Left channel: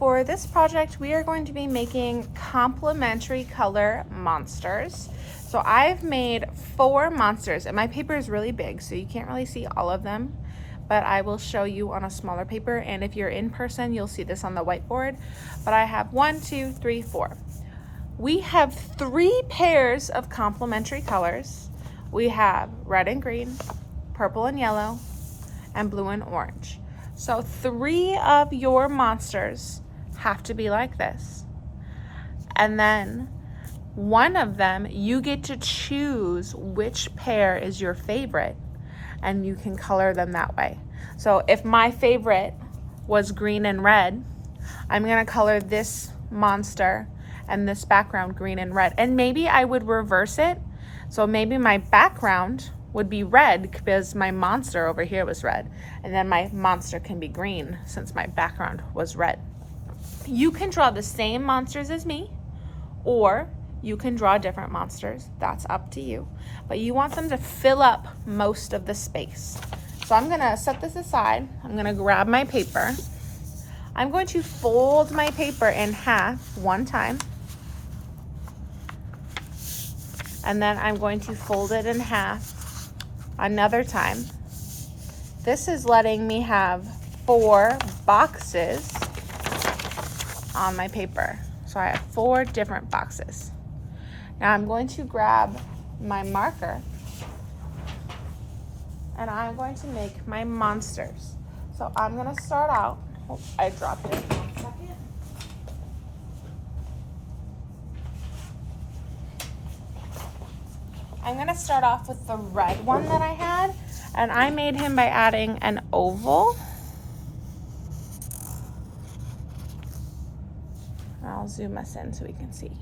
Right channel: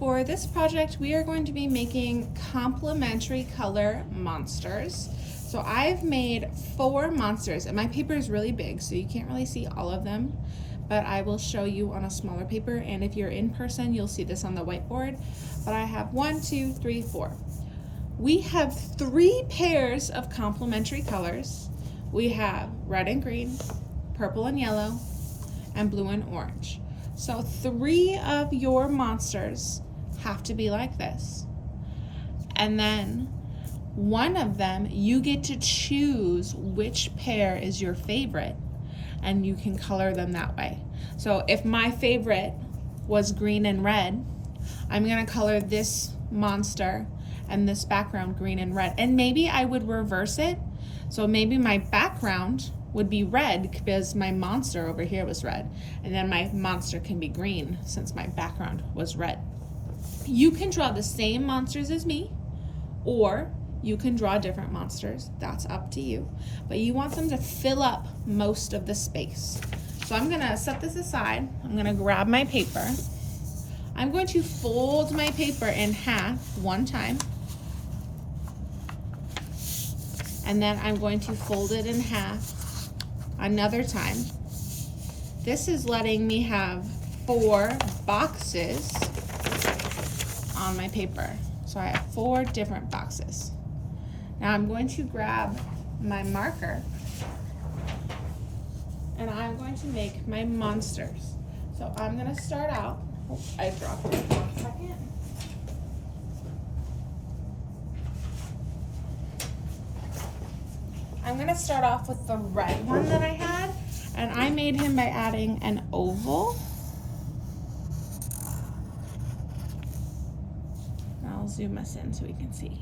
For this project, we are going to be making complementary color monsters. So I've made 4 monsters, and my paper is really big, so you can't really see all of them, but I will show you on a smaller paper, and if you're in person, you'll see this on the whiteboard. But I have 1, 2, 3, 4. We have 3 pairs of complementary colors. We have red and green, purple and yellow, and blue and orange. So 3 of your monsters have to be like this. And then one of them, you get to choose which pair is your favorite, and you can color them that way. So if my favorite was green and red, I'm gonna color this monster and this background green and red. And maybe I would reverse it. So maybe my background would be red because my monster over here was red. And then my monster can be green since my background was red. You can draw the same monsters as me, or you can draw different monsters. That's up to you. But you want them to fill up most of the space. So I'm gonna set this aside. I'm gonna grab my paper. I'm going to fold my paper in half one time. And then I'm going to fold it in half another time. This is letting me have 4 boxes on my paper. So I have 4 different boxes. Now I'm going to grab my marker and I'm going to make my monsters. So I'm gonna start out, oh, I dropped it, 1 second. I'm gonna start off with the red one that I had, and I made him by adding an oval. I'll zoom us in so we can see.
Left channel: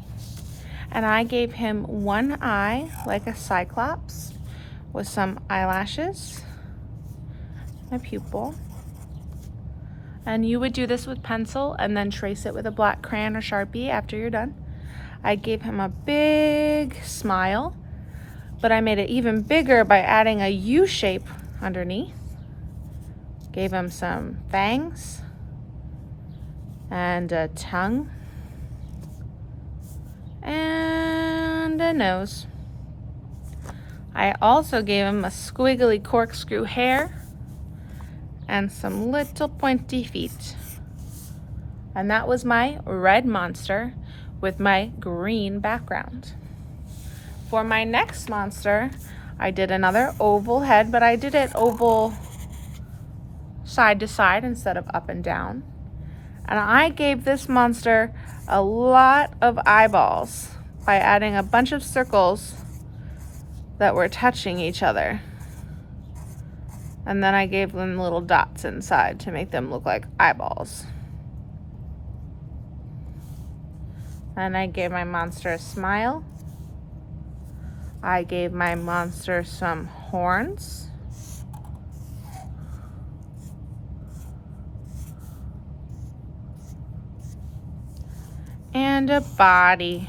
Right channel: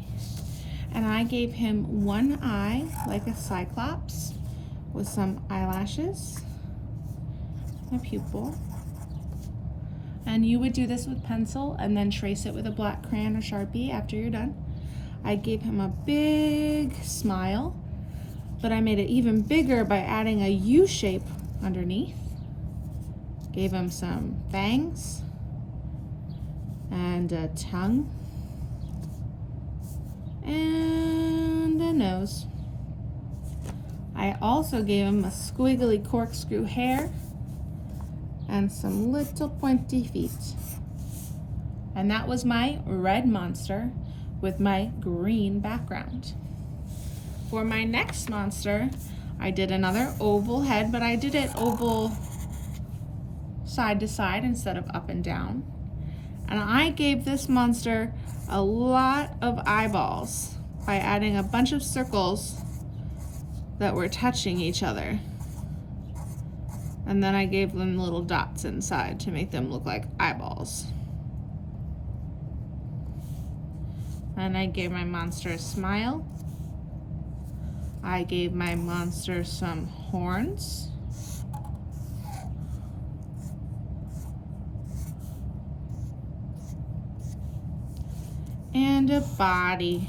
And I gave him 1 eye, like a cyclops, with some eyelashes, a pupil. And you would do this with pencil and then trace it with a black crayon or Sharpie after you're done. I gave him a big smile, but I made it even bigger by adding a U shape underneath. Gave him some fangs and a tongue and a nose. I also gave him a squiggly corkscrew hair and some little pointy feet. And that was my red monster with my green background. For my next monster, I did another oval head, but I did it oval side to side instead of up and down. And I gave this monster a lot of eyeballs by adding a bunch of circles that were touching each other. And then I gave them little dots inside to make them look like eyeballs. And I gave my monster a smile. I gave my monster some horns. And a body.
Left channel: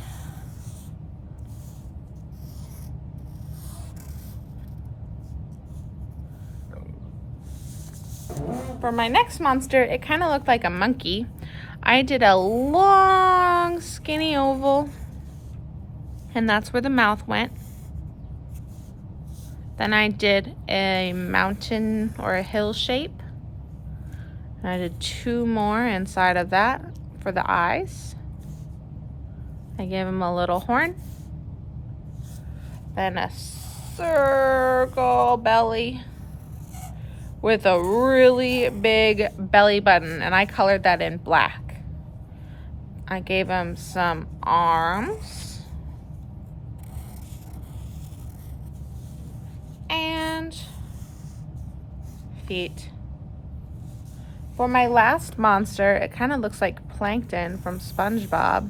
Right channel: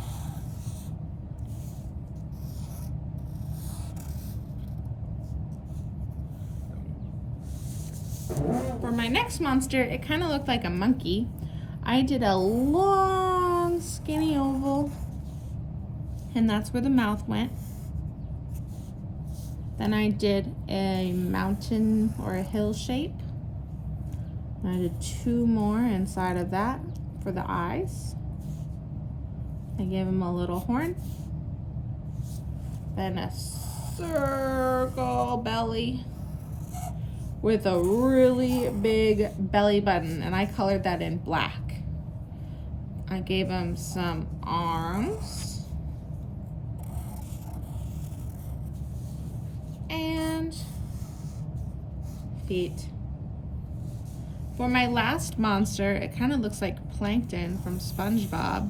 For my next monster, it kind of looked like a monkey. I did a long, skinny oval, and that's where the mouth went. Then I did a mountain or a hill shape. And I did 2 more inside of that for the eyes. I gave him a little horn. Then a circle belly with a really big belly button, and I colored that in black. I gave him some arms and feet. For my last monster, it kind of looks like Plankton from SpongeBob.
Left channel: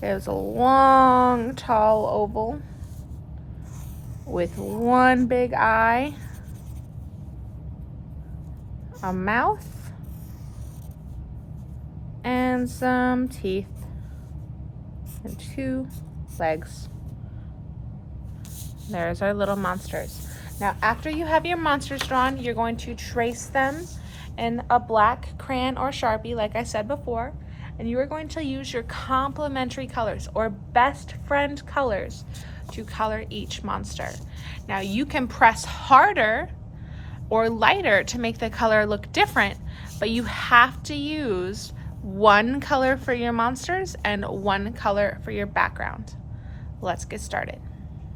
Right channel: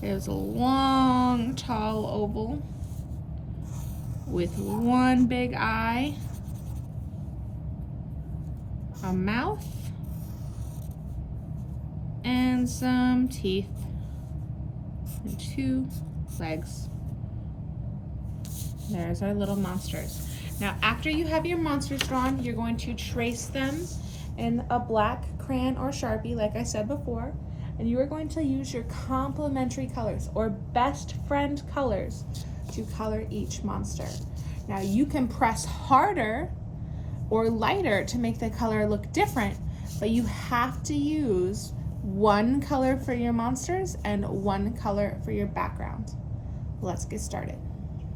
It was a long, tall oval with 1 big eye, a mouth, and some teeth, and 2 legs. There's our little monsters. Now, after you have your monsters drawn, you're going to trace them in a black crayon or Sharpie, like I said before, And you are going to use your complementary colors or best friend colors to color each monster. Now you can press harder or lighter to make the color look different, but you have to use one color for your monsters and one color for your background. Let's get started.